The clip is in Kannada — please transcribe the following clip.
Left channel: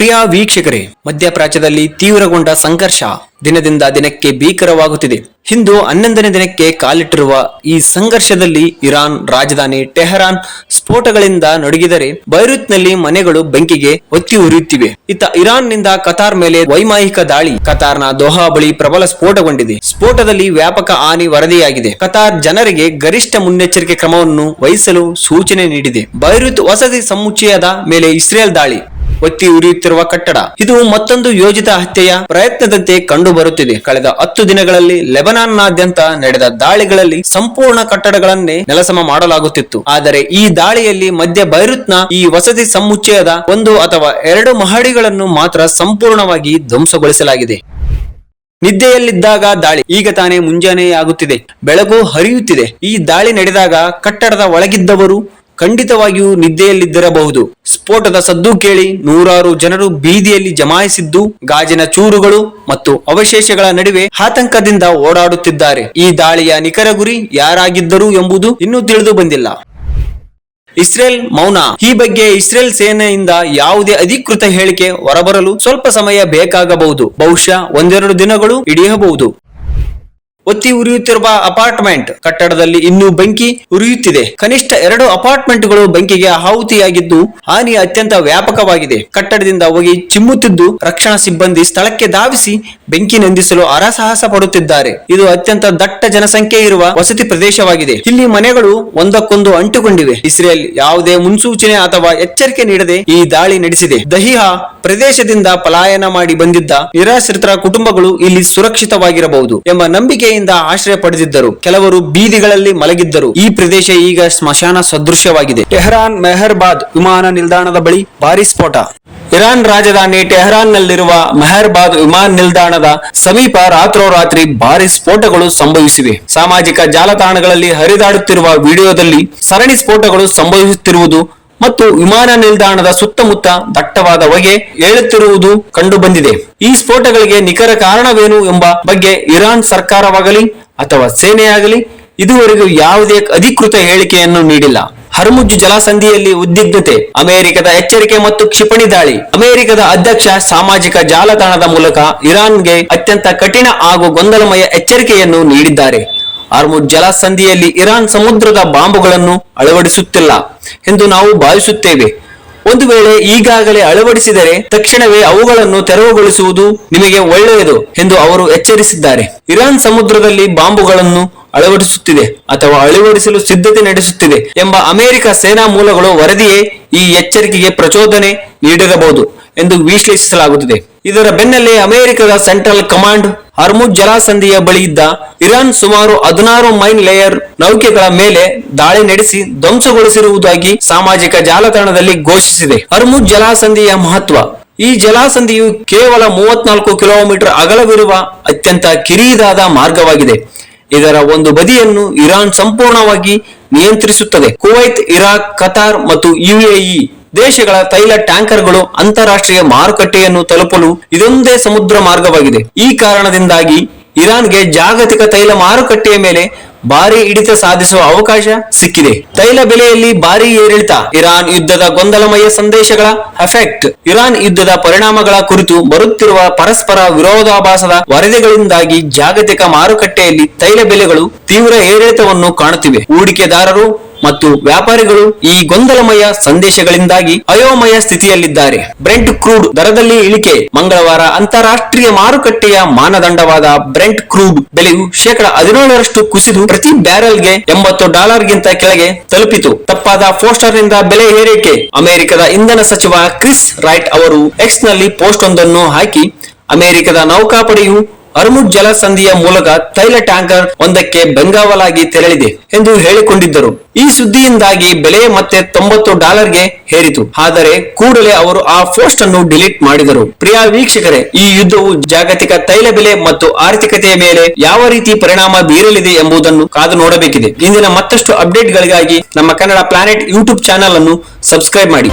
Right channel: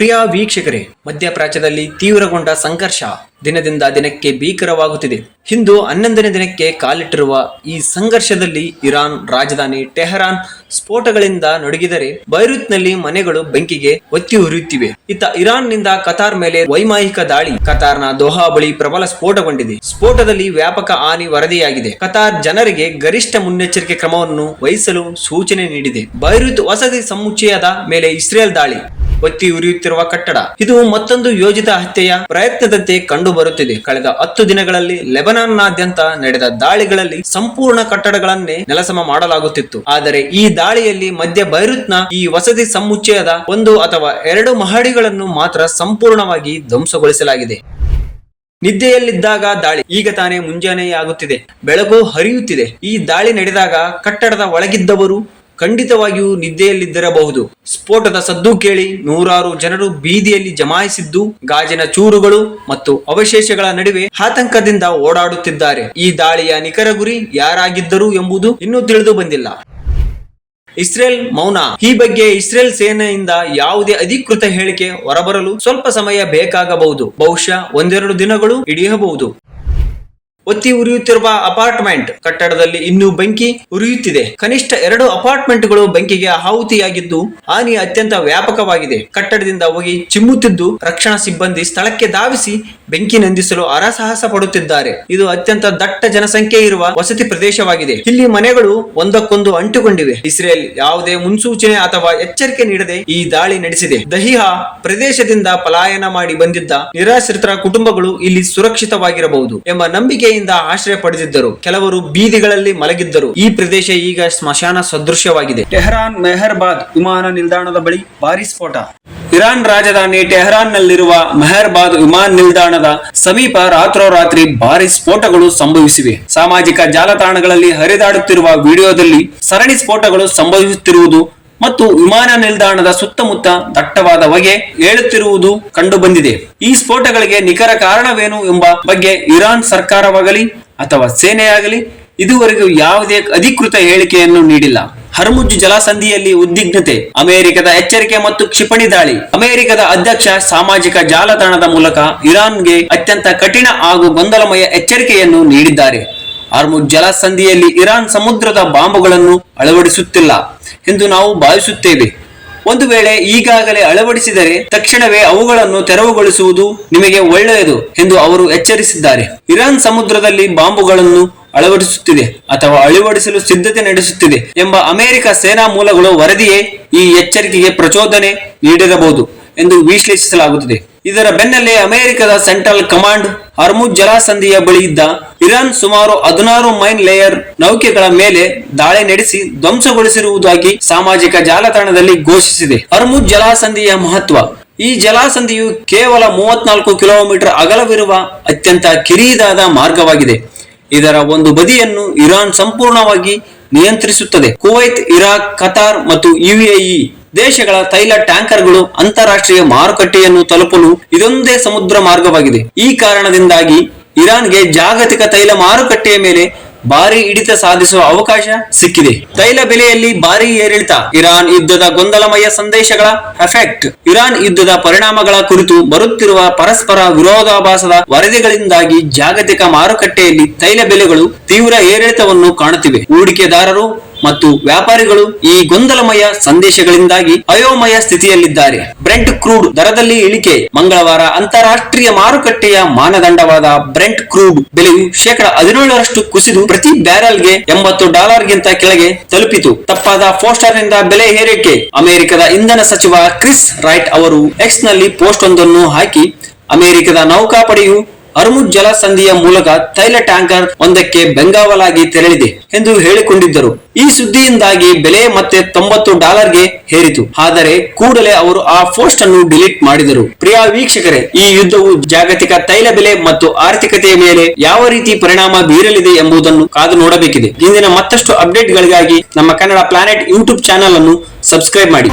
ಪ್ರಿಯ ವೀಕ್ಷಕರೇ, ಮಧ್ಯಪ್ರಾಚ್ಯದಲ್ಲಿ ತೀವ್ರಗೊಂಡ ಸಂಘರ್ಷ ದಿನದಿಂದ ದಿನಕ್ಕೆ ಭೀಕರವಾಗುತ್ತಿದೆ. ಇಂದು 11ನೇ ದಿನಕ್ಕೆ ಕಾಲಿಟ್ಟಿರುವ ಈ ಸಂಘರ್ಷದಲ್ಲಿ ಇರಾನ್ ರಾಜಧಾನಿ ಟೆಹರಾನ್ ಸ್ಫೋಟಗಳಿಂದ ನಡುಗಿದರೆ ಬೈರುತ್ನಲ್ಲಿ ಮನೆಗಳು ಬೆಂಕಿಗೆ ಹೊತ್ತಿ ಉರಿಯುತ್ತಿವೆ. ಇತ್ತ ಇರಾನ್ನಿಂದ ಕತಾರ್ ಮೇಲೆ ವೈಮಾನಿಕ ದಾಳಿ. ಕತಾರ್ನ ದೋಹಾ ಬಳಿ ಪ್ರಬಲ ಸ್ಫೋಟಗೊಂಡಿದೆ. ಸ್ಫೋಟದಲ್ಲಿ ವ್ಯಾಪಕ ಹಾನಿ ವರದಿಯಾಗಿದೆ. ಕತಾರ್ ಜನರಿಗೆ ಗರಿಷ್ಠ ಮುನ್ನೆಚ್ಚರಿಕೆ ಕ್ರಮವನ್ನು ವಹಿಸಲು ಸೂಚನೆ ನೀಡಿದೆ. ಬೈರುತ್ ವಸತಿ ಸಮುಚ್ಚಯದ ಮೇಲೆ ಇಸ್ರೇಲ್ ದಾಳಿ. ಒತ್ತಿ ಉರಿಯುತ್ತಿರುವ ಕಟ್ಟಡ. ಇದು ಮತ್ತೊಂದು ಯೋಜಿತ ಹತ್ಯೆಯ ಪ್ರಯತ್ನದಂತೆ ಕಂಡು ಬರುತ್ತಿದೆ. ಕಳೆದ 10 ದಿನಗಳಲ್ಲಿ ಲೆಬನಾನ್ನಾದ್ಯಂತ ನಡೆದ ದಾಳಿಗಳಲ್ಲಿ ಸಂಪೂರ್ಣ ಕಟ್ಟಡಗಳನ್ನೇ ನೆಲಸಮ ಮಾಡಲಾಗುತ್ತಿತ್ತು. ಆದರೆ ಈ ದಾಳಿಯಲ್ಲಿ ಮಧ್ಯ ಬೈರುತ್ನ ಈ ವಸತಿ ಸಮುಚ್ಚಯದ 1 ಅಥವಾ 2 ಮಹಡಿಗಳನ್ನು ಮಾತ್ರ ಸಂಪೂರ್ಣವಾಗಿ ಧ್ವಂಸಗೊಳಿಸಲಾಗಿದೆ. ನಿದ್ದೆಯಲ್ಲಿದ್ದಾಗ ದಾಳಿ. ಈಗ ತಾನೇ ಮುಂಜಾನೆಯಾಗುತ್ತಿದೆ, ಬೆಳಕು ಹರಿಯುತ್ತಿದೆ. ಈ ದಾಳಿ ನಡೆದಾಗ ಕಟ್ಟಡದ ಒಳಗಿದ್ದವರು ಖಂಡಿತವಾಗಿಯೂ ನಿದ್ದೆಯಲ್ಲಿದ್ದಿರಬಹುದು. ಸ್ಫೋಟದ ಸದ್ದು ಕೇಳಿ ನೂರಾರು ಜನರು ಬೀದಿಯಲ್ಲಿ ಜಮಾಯಿಸಿದ್ದು, ಗಾಜಿನ ಚೂರುಗಳು ಮತ್ತು ಅವಶೇಷಗಳ ನಡುವೆ ಆತಂಕದಿಂದ ಓಡಾಡುತ್ತಿದ್ದಾರೆ. ಈ ದಾಳಿಯ ನಿಖರ ಗುರಿ ಯಾರಾಗಿದ್ದರು ಎಂಬುದು ಇನ್ನೂ ತಿಳಿದು ಬಂದಿಲ್ಲ. ಇಸ್ರೇಲ್ ಮೌನ. ಈ ಬಗ್ಗೆ ಇಸ್ರೇಲ್ ಸೇನೆಯಿಂದ ಯಾವುದೇ ಅಧಿಕೃತ ಹೇಳಿಕೆ ಹೊರಬರಲು ಸ್ವಲ್ಪ ಸಮಯ ಬೇಕಾಗಬಹುದು. ಬಹುಶಃ 1-2 ದಿನಗಳು ಹಿಡಿಯಬಹುದು. ಒತ್ತಿ ಉರಿಯುತ್ತಿರುವ ಅಪಾರ್ಟ್ಮೆಂಟ್. ಕಟ್ಟಡದಲ್ಲಿ ಇನ್ನೂ ಬೆಂಕಿ ಉರಿಯುತ್ತಿದೆ. ಕನಿಷ್ಠ 2 ಅಪಾರ್ಟ್ಮೆಂಟ್ಗಳು ಬೆಂಕಿಗೆ ಆಹುತಿಯಾಗಿದ್ದು, ಹಾನಿ ಅತ್ಯಂತ ವ್ಯಾಪಕವಾಗಿದೆ. ಕಟ್ಟಡದಿಂದ ಹೊಗೆ ಚಿಮ್ಮುತ್ತಿದ್ದು, ರಕ್ಷಣಾ ಸಿಬ್ಬಂದಿ ಸ್ಥಳಕ್ಕೆ ಧಾವಿಸಿ ಬೆಂಕಿ ನಂದಿಸಲು ಹರಸಾಹಸ ಪಡುತ್ತಿದ್ದಾರೆ. ಇದು ಅತ್ಯಂತ ದಟ್ಟ ಜನಸಂಖ್ಯೆ ಇರುವ ವಸತಿ ಪ್ರದೇಶವಾಗಿದೆ. ಇಲ್ಲಿ ಮನೆಗಳು ಒಂದಕ್ಕೊಂದು ಅಂಟುಕೊಂಡಿವೆ. ಇಸ್ರೇಲ್ ಯಾವುದೇ ಮುನ್ಸೂಚನೆ ಅಥವಾ ಎಚ್ಚರಿಕೆ ನೀಡದೆ ಈ ದಾಳಿ ನಡೆಸಿದೆ. ದಹಿಯಾ ಪ್ರದೇಶದಿಂದ ಪಲಾಯನ ಮಾಡಿ ಬಂದಿದ್ದ ನಿರಾಶ್ರಿತರ ಕುಟುಂಬಗಳು ಇಲ್ಲಿ ಸುರಕ್ಷಿತವಾಗಿರಬಹುದು ಎಂಬ ನಂಬಿಕೆಯಿಂದ ಆಶ್ರಯ ಪಡೆದಿದ್ದರು. ಕೆಲವರು ಬೀದಿಗಳಲ್ಲಿ ಮಲಗಿದ್ದರು. ಈ ಪ್ರದೇಶ ಈಗ ಸ್ಮಶಾನ ಸದೃಶ್ಯವಾಗಿದೆ. ಟೆಹರಾನ್ ಮೆಹರ್ಬಾದ್ ವಿಮಾನ ನಿಲ್ದಾಣದ ಬಳಿ ಭಾರಿ ಸ್ಫೋಟ. ಇರಾನ್ ರಾಜಧಾನಿ ಟೆಹರಾನ್ ನಲ್ಲಿರುವ ಮೆಹರ್ಬಾದ್ ವಿಮಾನ ನಿಲ್ದಾಣದ ಸಮೀಪ ರಾತ್ರೋರಾತ್ರಿ ಭಾರಿ ಸ್ಫೋಟಗಳು ಸಂಭವಿಸಿವೆ. ಸಾಮಾಜಿಕ ಜಾಲತಾಣಗಳಲ್ಲಿ ಹರಿದಾಡುತ್ತಿರುವ ವಿಡಿಯೋದಲ್ಲಿ ಸರಣಿ ಸ್ಫೋಟಗಳು ಸಂಭವಿಸುತ್ತಿರುವುದು ಮತ್ತು ವಿಮಾನ ನಿಲ್ದಾಣದ ಸುತ್ತಮುತ್ತ ದಟ್ಟವಾದ ಹೊಗೆ ಏಳುತ್ತಿರುವುದು ಕಂಡು ಬಂದಿದೆ. ಈ ಸ್ಫೋಟಗಳಿಗೆ ನಿಖರ ಕಾರಣವೇನು ಎಂಬ ಬಗ್ಗೆ ಇರಾನ್ ಸರ್ಕಾರವಾಗಲಿ ಅಥವಾ ಸೇನೆಯಾಗಲಿ ಇದುವರೆಗೂ ಯಾವುದೇ ಅಧಿಕೃತ ಹೇಳಿಕೆಯನ್ನು ನೀಡಿಲ್ಲ. ಹರ್ಮುಜ್ ಜಲಸಂಧಿಯಲ್ಲಿ ಉದ್ವಿಗ್ನತೆ. ಅಮೆರಿಕದ ಎಚ್ಚರಿಕೆ ಮತ್ತು ಕ್ಷಿಪಣಿ ದಾಳಿ. ಅಮೆರಿಕದ ಅಧ್ಯಕ್ಷ ಸಾಮಾಜಿಕ ಜಾಲತಾಣದ ಮೂಲಕ ಇರಾನ್ಗೆ ಅತ್ಯಂತ ಕಠಿಣ ಹಾಗೂ ಗೊಂದಲಮಯ ಎಚ್ಚರಿಕೆಯನ್ನು ನೀಡಿದ್ದಾರೆ. ಹರ್ಮುಜ್ ಜಲಸಂಧಿಯಲ್ಲಿ ಇರಾನ್ ಸಮುದ್ರದ ಬಾಂಬುಗಳನ್ನು ಅಳವಡಿಸುತ್ತಿಲ್ಲ ಎಂದು ನಾವು ಭಾವಿಸುತ್ತೇವೆ. ಒಂದು ವೇಳೆ ಈಗಾಗಲೇ ಅಳವಡಿಸಿದರೆ ತಕ್ಷಣವೇ ಅವುಗಳನ್ನು ತೆರವುಗೊಳಿಸುವುದು ನಿಮಗೆ ಒಳ್ಳೆಯದು ಎಂದು ಅವರು ಎಚ್ಚರಿಸಿದ್ದಾರೆ. ಇರಾನ್ ಸಮುದ್ರದಲ್ಲಿ ಬಾಂಬುಗಳನ್ನು ಅಳವಡಿಸುತ್ತಿದೆ ಅಥವಾ ಅಳವಡಿಸಲು ಸಿದ್ಧತೆ ನಡೆಸುತ್ತಿದೆ ಎಂಬ ಅಮೆರಿಕ ಸೇನಾ ಮೂಲಗಳು ವರದಿಯೇ ಈ ಎಚ್ಚರಿಕೆಗೆ ಪ್ರಚೋದನೆ ನೀಡಿರಬಹುದು ಎಂದು ವಿಶ್ಲೇಷಿಸಲಾಗುತ್ತದೆ. ಇದರ ಬೆನ್ನಲ್ಲೇ ಅಮೆರಿಕದ ಸೆಂಟ್ರಲ್ ಕಮಾಂಡ್ ಹರ್ಮುಜ್ ಜಲಸಂಧಿಯ ಬಳಿ ಇದ್ದ ಇರಾನ್ ಸುಮಾರು 16 ಮೈನ್ ಲೇಯರ್ ನೌಕೆಗಳ ಮೇಲೆ ದಾಳಿ ನಡೆಸಿ ಧ್ವಂಸಗೊಳಿಸಿರುವುದಾಗಿ ಸಾಮಾಜಿಕ ಜಾಲತಾಣದಲ್ಲಿ ಘೋಷಿಸಿದೆ. ಹರ್ಮುಜ್ ಜಲಸಂಧಿಯ ಮಹತ್ವ. ಈ ಜಲಸಂಧಿಯು ಕೇವಲ 34 ಕಿಲೋಮೀಟರ್ ಅಗಲವಿರುವ ಅತ್ಯಂತ ಕಿರಿದಾದ ಮಾರ್ಗವಾಗಿದೆ. ಇದರ ಒಂದು ಬದಿಯನ್ನು ಇರಾನ್ ಸಂಪೂರ್ಣವಾಗಿ ನಿಯಂತ್ರಿಸುತ್ತದೆ. ಕುವೈತ್, ಇರಾಕ್, ಕತಾರ್ ಮತ್ತು UAE ದೇಶಗಳ ತೈಲ ಟ್ಯಾಂಕರ್ಗಳು ಅಂತಾರಾಷ್ಟ್ರೀಯ ಮಾರುಕಟ್ಟೆಯನ್ನು ತಲುಪಲು ಇದೊಂದೇ ಸಮುದ್ರ ಮಾರ್ಗವಾಗಿದೆ. ಈ ಕಾರಣದಿಂದಾಗಿ ಇರಾನ್ಗೆ ಜಾಗತಿಕ ತೈಲ ಮಾರುಕಟ್ಟೆಯ ಮೇಲೆ ಭಾರಿ ಹಿಡಿತ ಸಾಧಿಸುವ ಅವಕಾಶ ಸಿಕ್ಕಿದೆ. ತೈಲ ಬೆಲೆಯಲ್ಲಿ ಭಾರಿ ಏರಿಳಿತ. ಇರಾನ್ ಯುದ್ಧದ ಗೊಂದಲಮಯ ಸಂದೇಶಗಳ ಎಫೆಕ್ಟ್. ಇರಾನ್ ಯುದ್ಧದ ಪರಿಣಾಮಗಳ ಕುರಿತು ಬರುತ್ತಿರುವ ಪರಸ್ಪರ ವಿರೋಧಾಭಾಸದ ವರದಿಗಳಿಂದಾಗಿ ಜಾಗತಿಕ ಮಾರುಕಟ್ಟೆಯಲ್ಲಿ ತೈಲ ಬೆಲೆಗಳು ತೀವ್ರ ಏರಿಳಿತವನ್ನು ಕಾಣುತ್ತಿವೆ. ಹೂಡಿಕೆದಾರರು ಮತ್ತು ವ್ಯಾಪಾರಿಗಳು ಈ ಗೊಂದಲಮಯ ಸಂದೇಶಗಳಿಂದಾಗಿ ಅಯೋಮಯ ಸ್ಥಿತಿಯಲ್ಲಿದ್ದಾರೆ. ಬ್ರೆಂಟ್ ಕ್ರೂಡ್ ದರದಲ್ಲಿ ಇಳಿಕೆ. ಮಂಗಳವಾರ ಅಂತಾರಾಷ್ಟ್ರೀಯ ಮಾರುಕಟ್ಟೆಯ ಮಾನದಂಡವಾದ ಬ್ರೆಂಟ್ ಕ್ರೂಡ್ ಬೆಲೆಯು 17% ಕುಸಿದು ಪ್ರತಿ ಬ್ಯಾರೆಲ್ಗೆ $80ಗಿಂತ ಕೆಳಗೆ ತಲುಪಿತು. ತಪ್ಪಾದ ಪೋಸ್ಟರ್ ನಿಂದ ಬೆಲೆ ಏರಿಕೆ. ಅಮೆರಿಕದ ಇಂಧನ ಸಚಿವ ಕ್ರಿಸ್ ರೈಟ್ ಅವರು ಎಕ್ಸ್ ನಲ್ಲಿ ಪೋಸ್ಟ್ ಒಂದನ್ನು ಹಾಕಿ ಅಮೆರಿಕದ ನೌಕಾಪಡೆಯು ಹರ್ಮುಜ್ ಜಲಸಂಧಿಯ ಮೂಲಕ ತೈಲ ಟ್ಯಾಂಕರ್ ಒಂದಕ್ಕೆ ಬೆಂಗಾವಲಾಗಿ ತೆರಳಿದೆ ಎಂದು ಹೇಳಿಕೊಂಡಿದ್ದರು. ಈ ಸುದ್ದಿಯಿಂದಾಗಿ ಬೆಲೆ ಮತ್ತೆ $90ಗೆ ಏರಿತು. ಆದರೆ ಕೂಡಲೇ ಅವರು ಆ ಪೋಸ್ಟ್ ಅನ್ನು ಡಿಲೀಟ್ ಮಾಡಿದರು. ಪ್ರಿಯ ವೀಕ್ಷಕರೇ, ಈ ಯುದ್ಧವು ಜಾಗತಿಕ ತೈಲ ಬೆಲೆ ಮತ್ತು ಆರ್ಥಿಕತೆಯ ಮೇಲೆ ಯಾವ ರೀತಿ ಪರಿಣಾಮ ಬೀರಲಿದೆ ಎಂಬುದನ್ನು ಕಾದು ನೋಡಬೇಕಿದೆ. ಇಂದಿನ ಮತ್ತಷ್ಟು ಅಪ್ಡೇಟ್ಗಳಿಗಾಗಿ ನಮ್ಮ ಕನ್ನಡ ಪ್ಲಾನೆಟ್ ಯೂಟ್ಯೂಬ್ ಚಾನೆಲ್ ಅನ್ನು ಸಬ್ಸ್ಕ್ರೈಬ್ ಮಾಡಿ.